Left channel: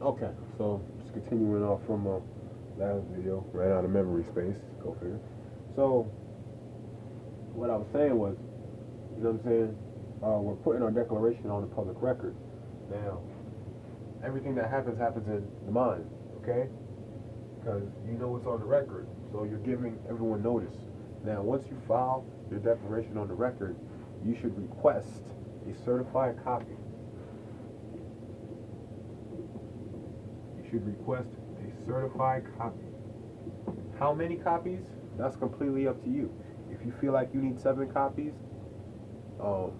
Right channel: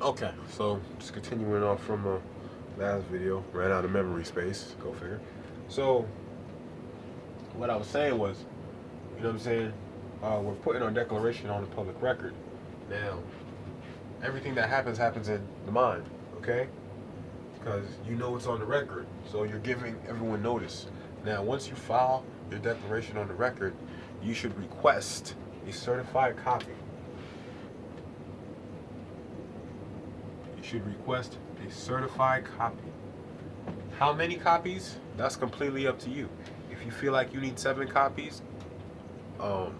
Okay, so just continuing off from last video, ran out of memory space. Go figure. So what I was saying was, you know what I'm saying? We're putting our declaration on the public record. Now, everything that happens in the mind, okay? Because you know it's on the record, so you're giving everyone notice. Now, once you file your declaration on the record, you should request a certified copy. You should request a certified copy. How many copies? That's completely up to you. If you feel like you need 7 copies, um,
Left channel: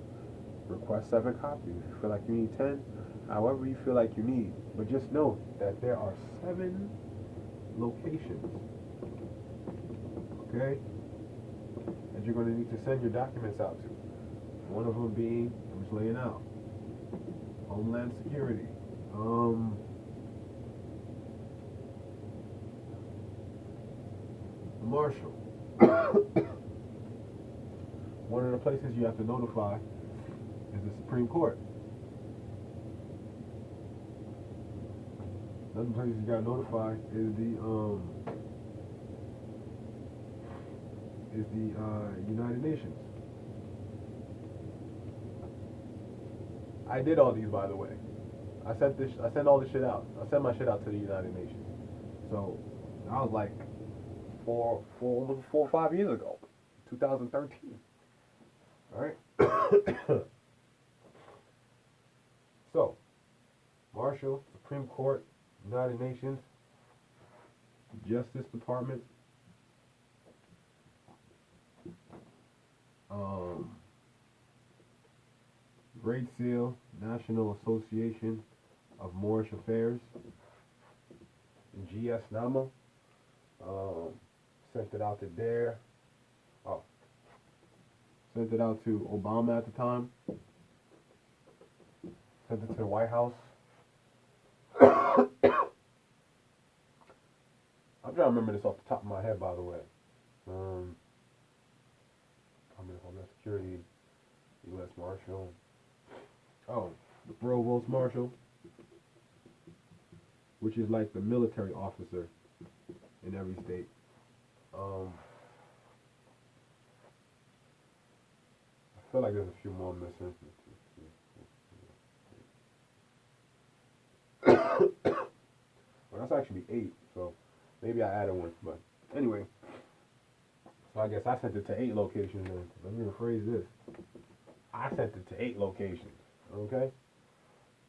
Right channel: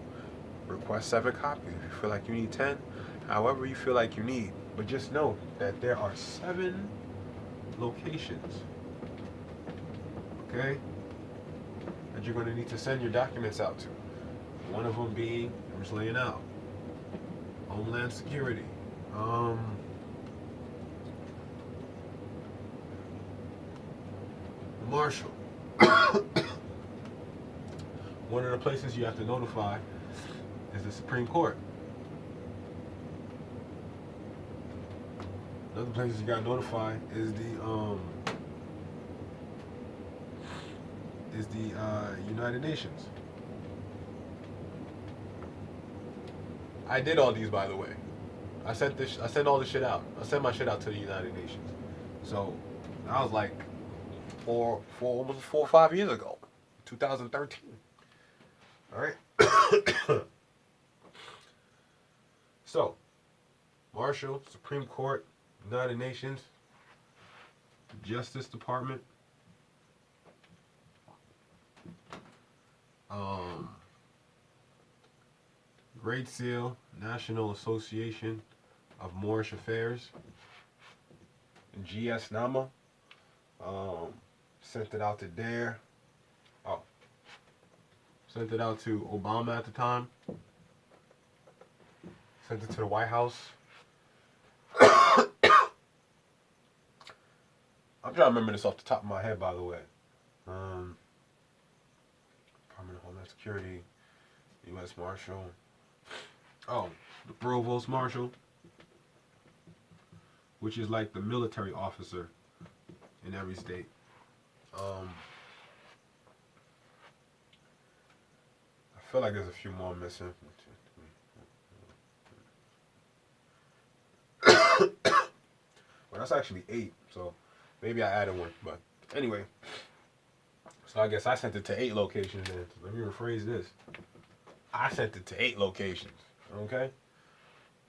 request 7 copies. If you feel like you need 10, however you feel like you need. But just know that there are 7 locations, okay, that you're going to need to send your documents out to. One of them being, I'm just laying out, Homeland Security, um, the Marshal. One of the places you have to notify is the Supreme Court. Another places you got to notify is the United Nations. I did all these, by the way. I sent this. I sent all this shit out. I sent my shit out to the United Nations. So that was like almost 4 or 5 years ago, 2013. All right. So Marshall, Supreme Court, United Nations, Justice Department, um, Great Seal, National Association of Moorish Affairs, GS Nama. Um, Sent it out to there. Oh, sent it out to Obama at the time. Sent it to the White House. I'm trying to remember this off the top of my head, by the way. Um, Department of Homeland Security, U.S. Marshal. Oh, the Provost Marshal, which is like the military officer in every state. Um, I feel like there's a few more missing. Well, that's actually 8, so maybe I added one. But anyway, so I guess I sent it to 8 locations then. Let me rephrase this. I sent it to 8 locations. Okay?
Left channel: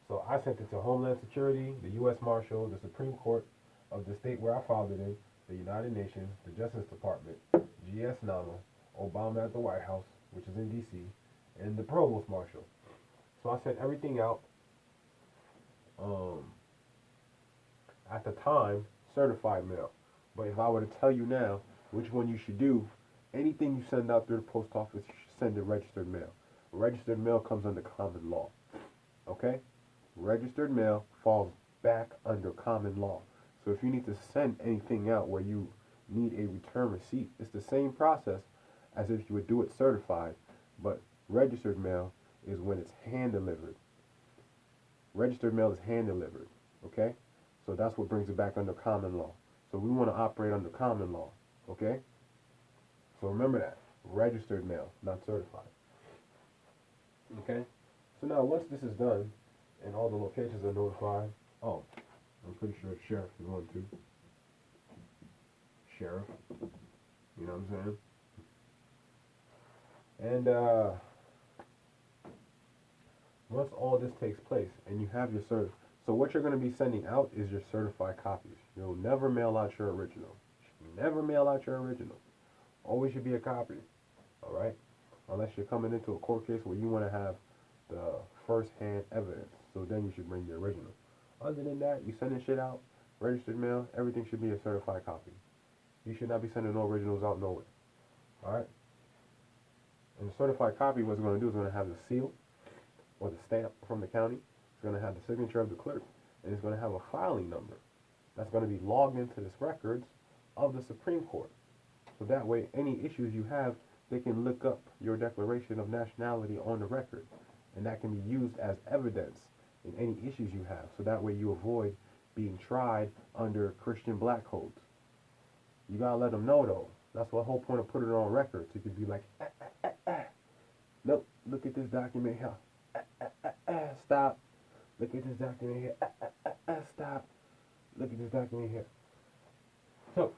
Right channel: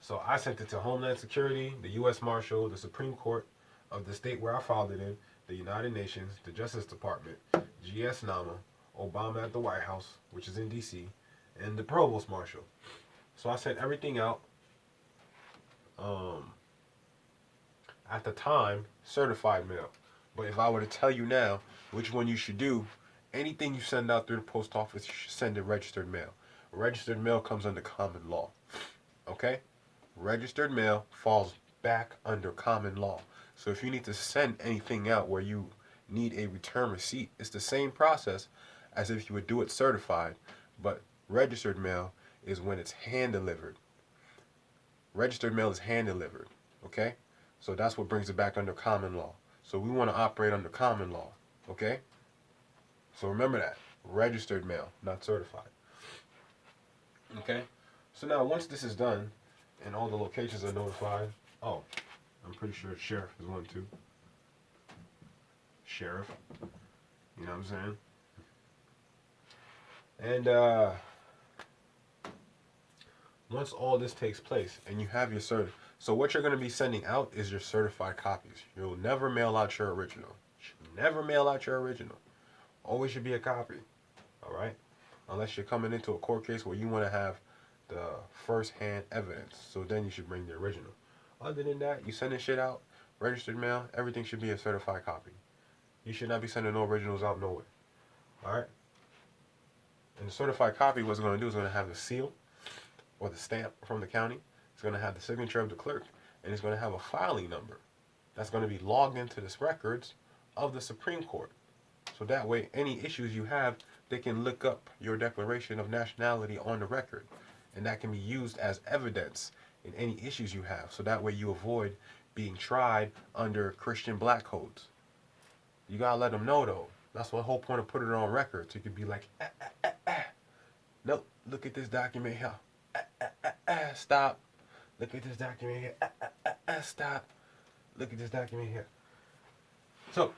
So I sent it to Homeland Security, the U.S. Marshal, the Supreme Court of the state where I filed it in, the United Nations, the Justice Department, GS Nama, Obama at the White House, which is in D.C., and the Provost Marshal. So I sent everything out. Um, at the time, certified mail. But if I were to tell you now which one you should do, anything you send out through the post office, you should send it registered mail. Registered mail comes under common law. Okay? Registered mail falls back under common law. So if you need to send anything out where you need a return receipt, it's the same process as if you would do it certified, but registered mail is when it's hand delivered. Registered mail is hand delivered. Okay? So that's what brings it back under common law. So we want to operate under common law. Okay? So remember that. Registered mail, not certified. Okay? So now once this is done and all the locations are notified, oh, I'm pretty sure sheriff is one too. Sheriff. You know what I'm saying? And once all this takes place and you have your cert, so what you're going to be sending out is your certified copies. You'll never mail out your original. Never mail out your original. Always should be a copy. All right? Unless you're coming into a court case where you want to have the first-hand evidence. So then you should bring the original. Other than that, you sending shit out, registered mail, everything should be a certified copy. You should not be sending no originals out nowhere. All right? And the certified copy, what it's going to do is going to have the seal or the stamp from the county. It's going to have the signature of the clerk, and it's going to have a filing number that's going to be logged into the records of the Supreme Court. So that way, any issues you have, they can look up your declaration of nationality on the record, and that can be used as evidence in any issues you have. So that way, you avoid being tried under Christian black codes. You gotta let them know though. That's the whole point of putting it on record. So you could be like, nope, look at this document here. Stop. Look at this document here. Stop. Look at this document here. So,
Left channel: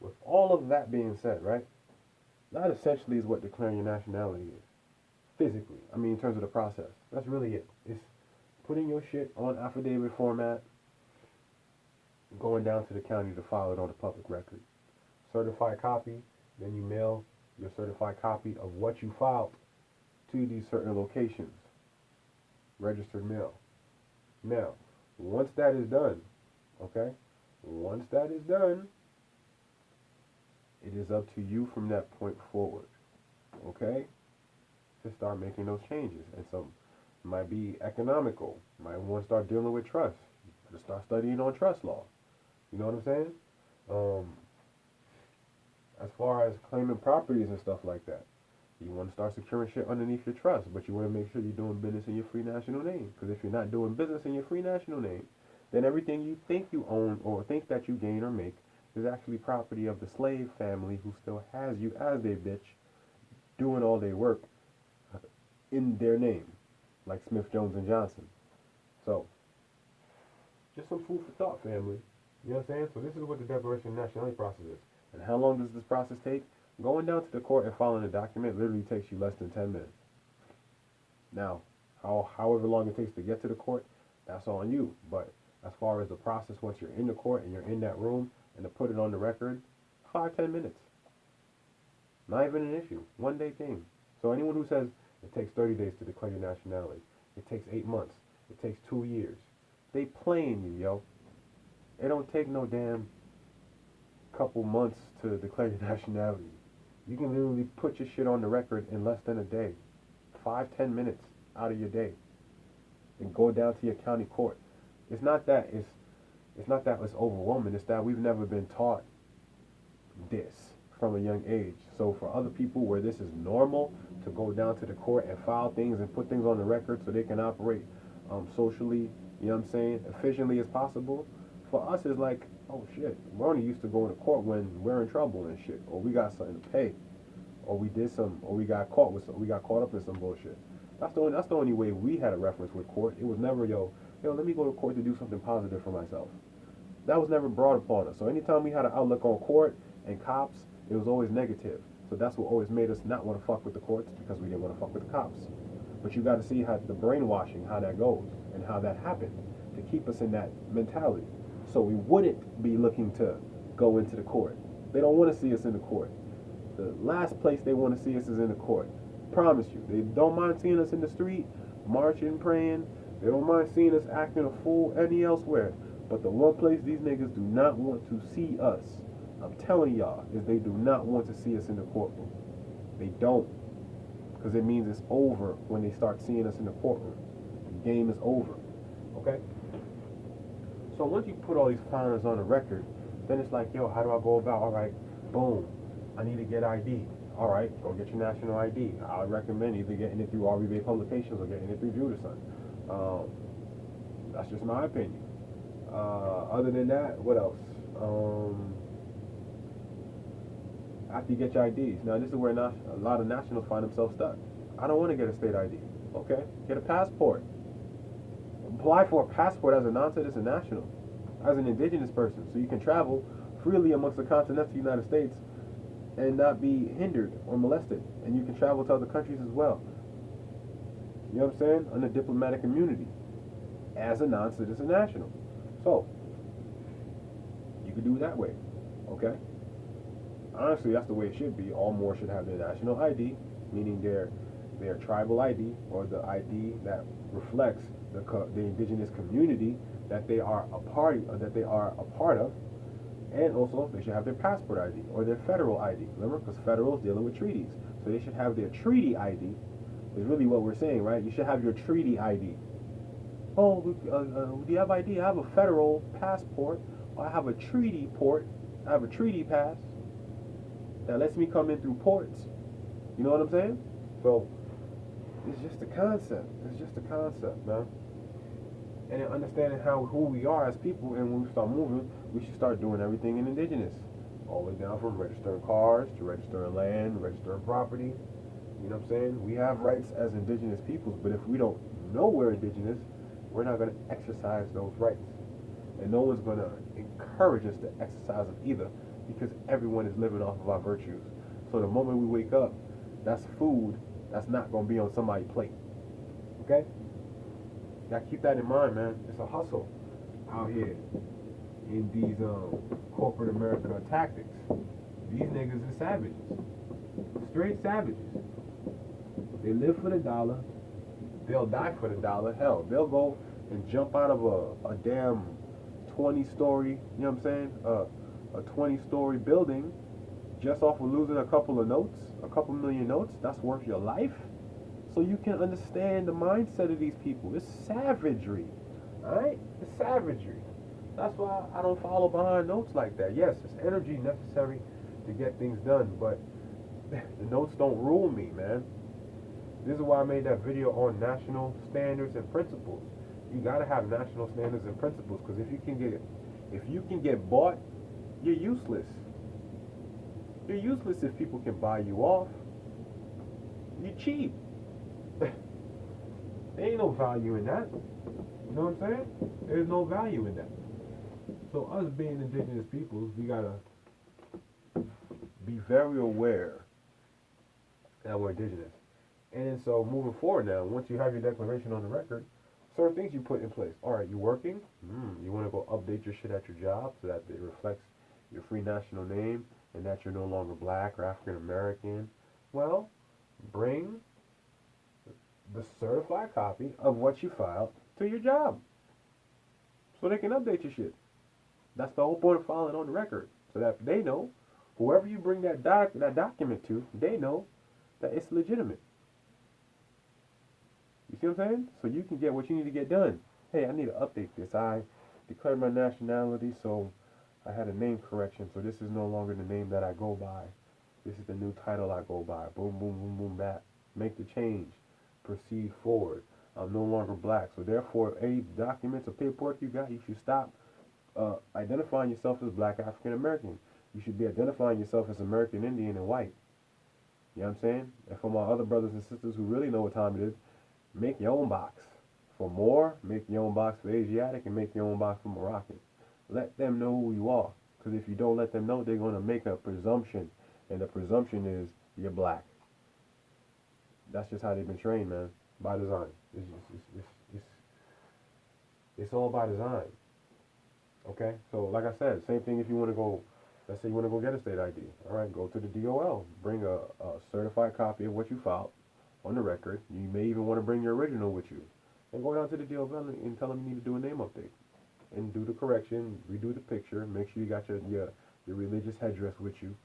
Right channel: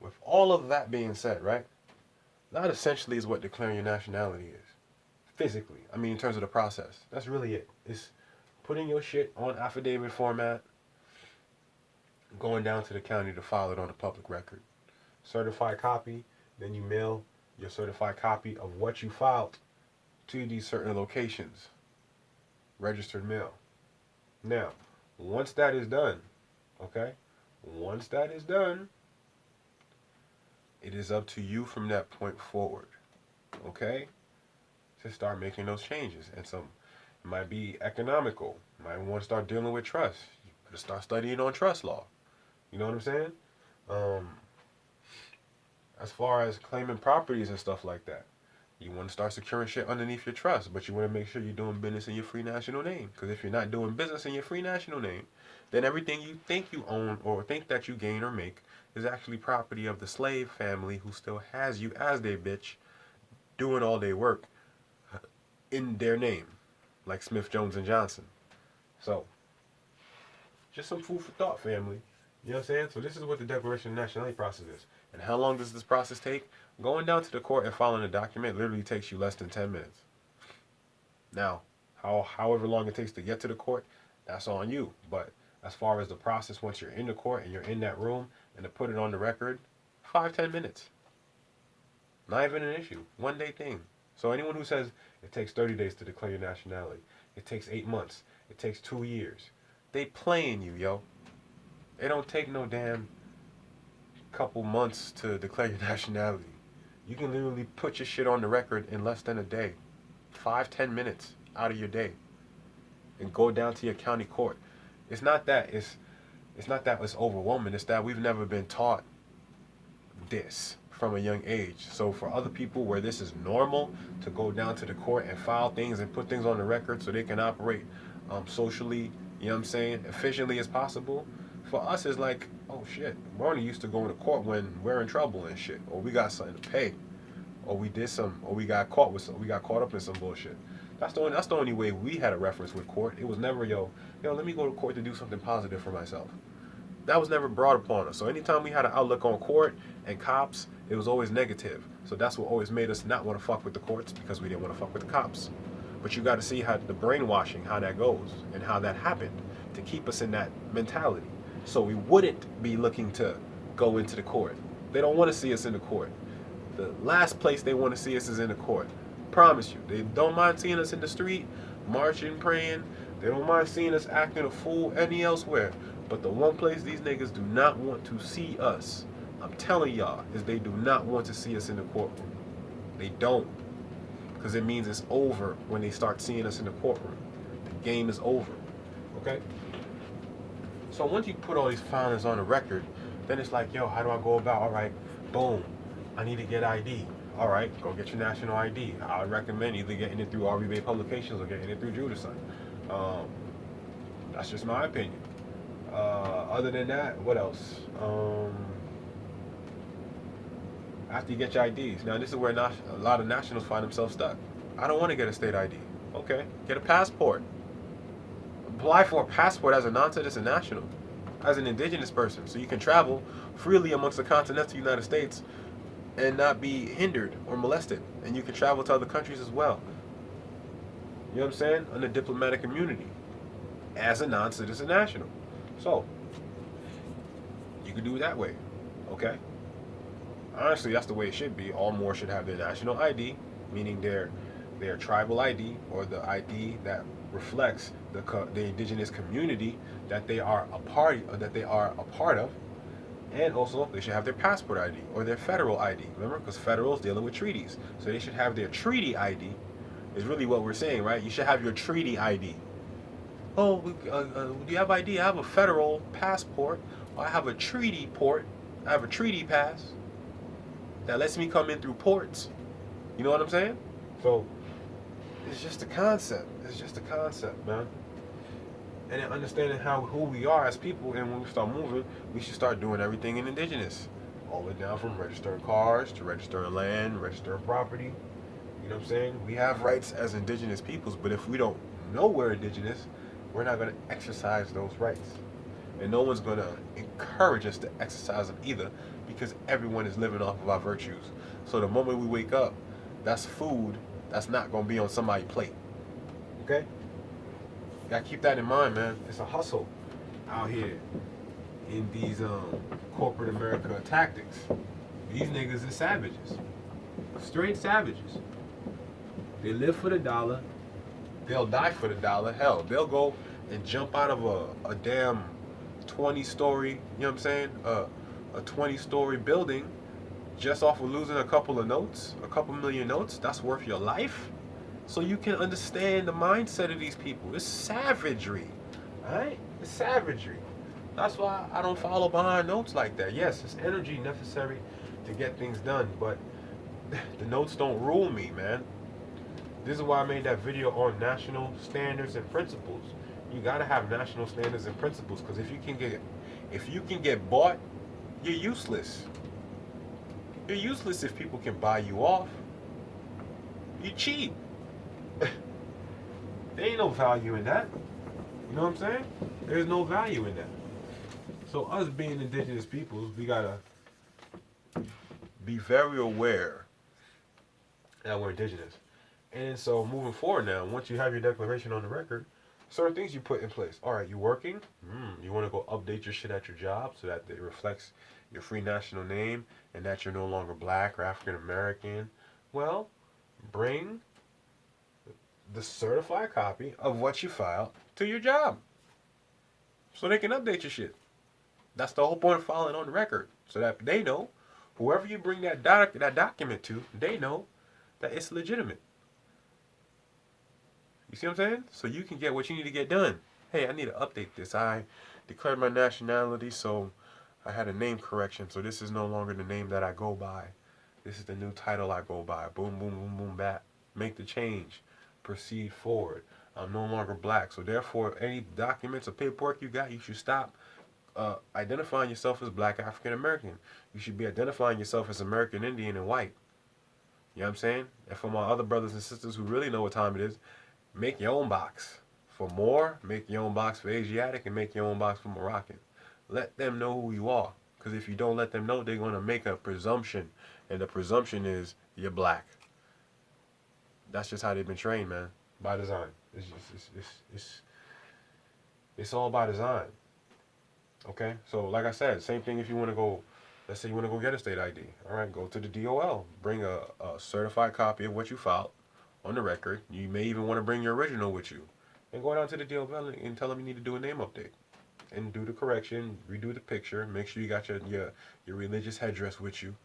with all of that being said, right? That essentially is what declaring your nationality is. Physically. I mean, in terms of the process. That's really it. It's putting your shit on affidavit format, going down to the county to file it on a public record. Certified copy, then you mail your certified copy of what you filed to these certain locations. Registered mail. Now, once that is done, okay? Once that is done, it is up to you from that point forward, okay? To start making those changes. And some it might be economical. You might want to start dealing with trust. You better start studying on trust law. You know what I'm saying? As far as claiming properties and stuff like that, you want to start securing shit underneath your trust, but you want to make sure you're doing business in your free national name. Because if you're not doing business in your free national name, then everything you think you own or think that you gain or make is actually property of the slave family who still has you as their bitch doing all their work in their name, like Smith, Jones, and Johnson. So, just some food for thought, family. You know what I'm saying? So this is what the Declaration of Nationality process is. And how long does this process take? Going down to the court and filing a document literally takes you less than 10 minutes. Now, however long it takes to get to the court, that's on you. But as far as the process, once you're in the court and you're in that room and to put it on the record, 5-10 minutes. Not even an issue. 1 day thing. So anyone who says it takes 30 days to declare your nationality, it takes 8 months, it takes 2 years, they playing you, yo. It don't take no damn couple months to declare your nationality. You can literally put your shit on the record in less than a day. 5-10 minutes out of your day. And go down to your county court. It's not that it's overwhelming. It's that we've never been taught this from a young age. So for other people where this is normal to go down to the court and file things and put things on the record so they can operate socially, you know what I'm saying, efficiently as possible, for us it's like, oh shit, we're only used to going to court when we're in trouble and shit, or we got something to pay, or we got caught up in some bullshit. That's the only way we had a reference with court. It was never let me go to court to do something positive for myself. That was never brought upon us. So anytime we had an outlook on court and cops, it was always negative. So that's what always made us not want to fuck with the courts, because we didn't want to fuck with the cops. But you got to see how the brainwashing, how that goes, and how that happened to keep us in that mentality. So we wouldn't be looking to go into the court. They don't want to see us in the court. The last place they want to see us is in the court. Promise you. They don't mind seeing us in the street, marching, praying. They don't mind seeing us acting a fool any elsewhere. But the one place these niggas do not want to see us, I'm telling y'all, is they do not want to see us in the courtroom. They don't. Because it means it's over when they start seeing us in the courtroom. The game is over. Okay? So once you put all these filings on the record, then it's like, yo, how do I go about, all right, boom, I need to get ID. All right, go get your national ID. I recommend either getting it through RB Bay Publications or getting it through Judicine. That's just my opinion. Other than that, what else? After you get your IDs. Now, this is where a lot of nationals find themselves stuck. I don't want to get a state ID. Okay, get a passport. Apply for a passport as a non-citizen national, as an indigenous person, so you can travel freely amongst the continental United States and not be hindered or molested. And you can travel to other countries as well. You know what I'm saying? Under diplomatic immunity as a non-citizen national. So, you can do it that way. Okay? Honestly, that's the way it should be. All Moors should have their national ID, meaning their tribal ID, or the ID that reflects the indigenous community that they are a part of, and also they should have their passport ID or their federal ID. Remember, because federal is dealing with treaties, so they should have their treaty ID. Is really what we're saying, right? You should have your treaty ID. Oh, do you have ID? I have a federal passport. I have a treaty port. I have a treaty pass that lets me come in through ports. You know what I'm saying? So it's just a concept. It's just a concept, man. and then understanding how who we are as people. And when we start moving, we should start doing everything in indigenous, all the way down from registering cars to registering land, registering property. You know what I'm saying? We have rights as indigenous peoples, but if we don't know we're indigenous, we're not going to exercise those rights. And no one's going to encourage us to exercise them either, because everyone is living off of our virtues. So the moment we wake up, that's food that's not going to be on somebody's plate. Okay? Gotta keep that in mind, man. It's a hustle out here in these corporate America tactics. These niggas are savages. Straight savages. They live for the dollar. They'll die for the dollar. Hell, they'll go and jump out of a damn 20-story, you know what I'm saying? A 20-story building just off of losing a couple of notes, a couple million notes. That's worth your life. So you can understand the mindset of these people. It's savagery. Alright? It's savagery. That's why I don't follow behind notes like that. Yes, it's energy necessary to get things done, but the notes don't rule me, man. This is why I made that video on national standards and principles. You gotta have national standards and principles, because if you can get bought, you're useless. You're useless if people can buy you off. You're cheap. There ain't no value in that. You know what I'm saying? There's no value in that. So us being indigenous peoples, we gotta be very aware that we're indigenous. And so moving forward now, once you have your declaration on the record, certain things you put in place. All right, you working? You want to go update your shit at your job so that it reflects your free national name and that you're no longer black or African American. Well, bring the certified copy of what you filed to your job so they can update your shit. That's the whole point of filing on the record, so that they know, whoever you bring that document to, they know that it's legitimate. You see what I'm saying? So you can get what you need to get done. Hey, I need to update this. I declared my nationality, so I had a name correction. So this is no longer the name that I go by. This is the new title I go by. Boom, boom, boom, boom, bat. Make the change. Proceed forward. I'm no longer black. So therefore, any documents or paperwork you got, you should stop identifying yourself as black African American. You should be identifying yourself as American Indian and white. You know what I'm saying? And for my other brothers and sisters who really know what time it is, make your own box. For more, make your own box for Asiatic and make your own box for Moroccan. Let them know who you are. Because if you don't let them know, they're going to make a presumption. And the presumption is you're black. That's just how they've been trained, man. By design. It's all by design. Okay? So, like I said, same thing if you want to go, let's say you want to go get a state ID. All right, go to the DOL. Bring a certified copy of what you filed on the record. You may even want to bring your original with you. And go down to the DOL and tell them you need to do a name update. And do the correction, redo the picture, make sure you got your religious headdress with you.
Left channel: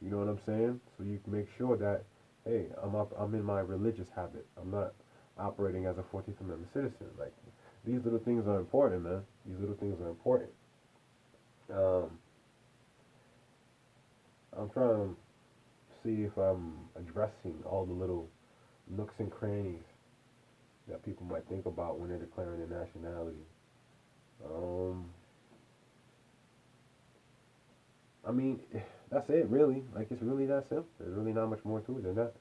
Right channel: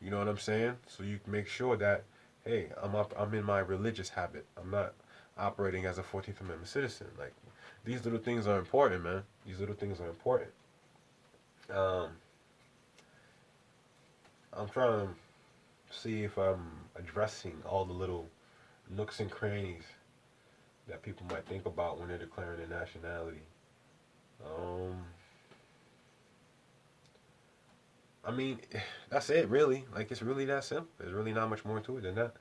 You know what I'm saying? So you can make sure that, hey, I'm in my religious habit. I'm not operating as a 14th Amendment citizen. Like, these little things are important, man. These little things are important. Um, I'm trying to see if I'm addressing all the little nooks and crannies that people might think about when they're declaring their nationality. Um, I mean, that's it, really. Like, it's really that simple. There's really not much more to it than that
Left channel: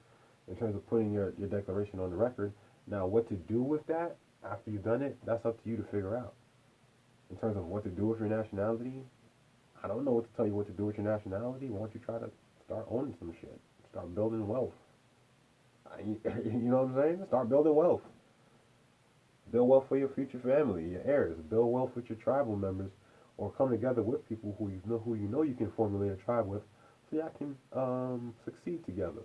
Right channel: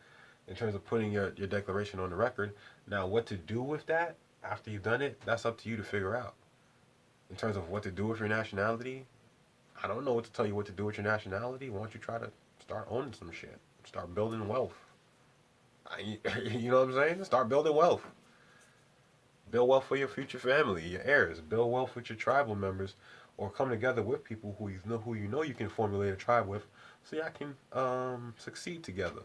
in terms of putting your declaration on the record. Now, what to do with that after you've done it, that's up to you to figure out. In terms of what to do with your nationality, I don't know what to tell you what to do with your nationality. Why don't you try to start owning some shit? Start building wealth. You know what I'm saying? Start building wealth. Build wealth for your future family, your heirs. Build wealth with your tribal members, or come together with people who you know you can formulate a tribe with, so y'all can succeed together,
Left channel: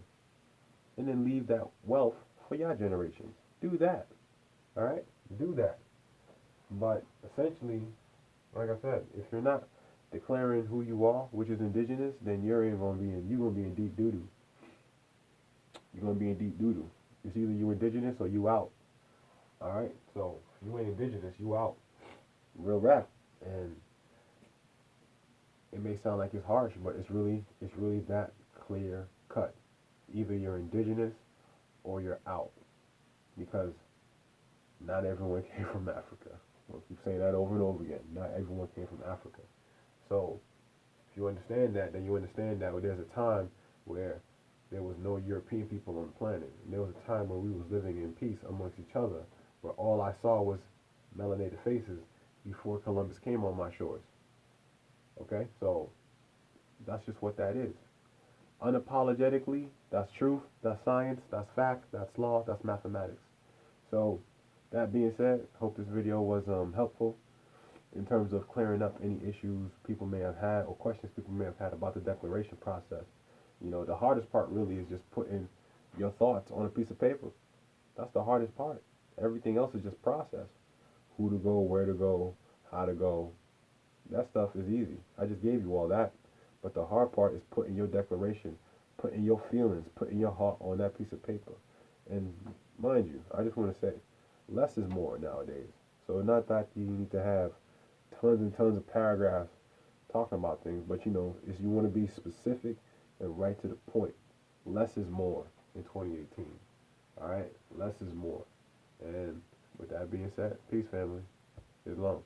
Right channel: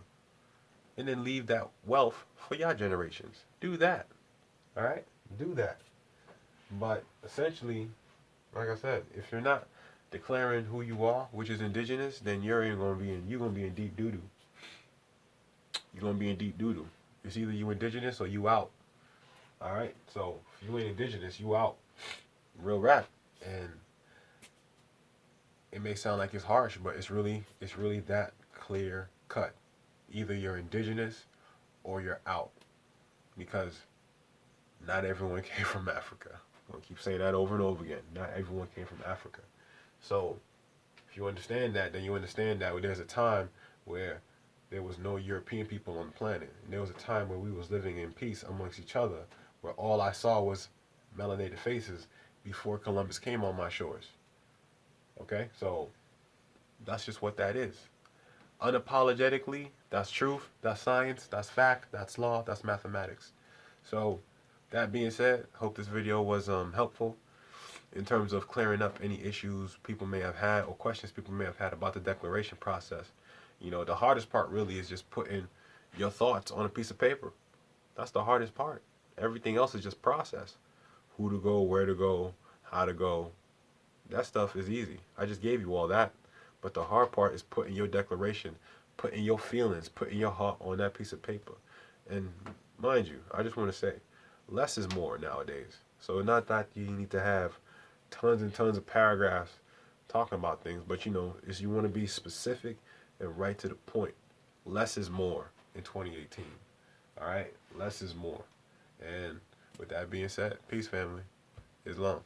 and then leave that wealth for your generations. Do that. All right, do that. But essentially, like I said, if you're not declaring who you are, which is indigenous, then you're gonna be in deep doo doo. You're gonna be in deep doo doo. It's either you indigenous or you out. All right. So if you ain't indigenous, you out. Real rap. And it may sound like it's harsh, but it's really that clear cut. Either you're indigenous or you're out, because not everyone came from Africa. I'll keep saying that over and over again. Not everyone came from Africa. So if you understand that, then you understand that there's a time where there was no European people on the planet. And there was a time where we was living in peace amongst each other, where all I saw was melanated faces before Columbus came on my shores. Okay? So that's just what that is. Unapologetically, that's truth, that's science, that's fact, that's law, that's mathematics. So that being said, hope this video was helpful in terms of clearing up any issues people may have had or questions people may have had about the declaration process. You know, the hardest part really is just putting your thoughts on a piece of paper. That's the hardest part. Everything else is just process. Who to go, where to go, how to go. That stuff is easy. I just gave you all that. But the hard part is putting your declaration, putting your feelings, putting your heart on that piece of paper. And mind you, I just want to say, less is more nowadays. So not that you need to have tons and tons of paragraphs talking about things, but you know, is you want to be specific and right to the point. Less is more in 2018. All right, less is more. And with that being said, peace, family. Islam.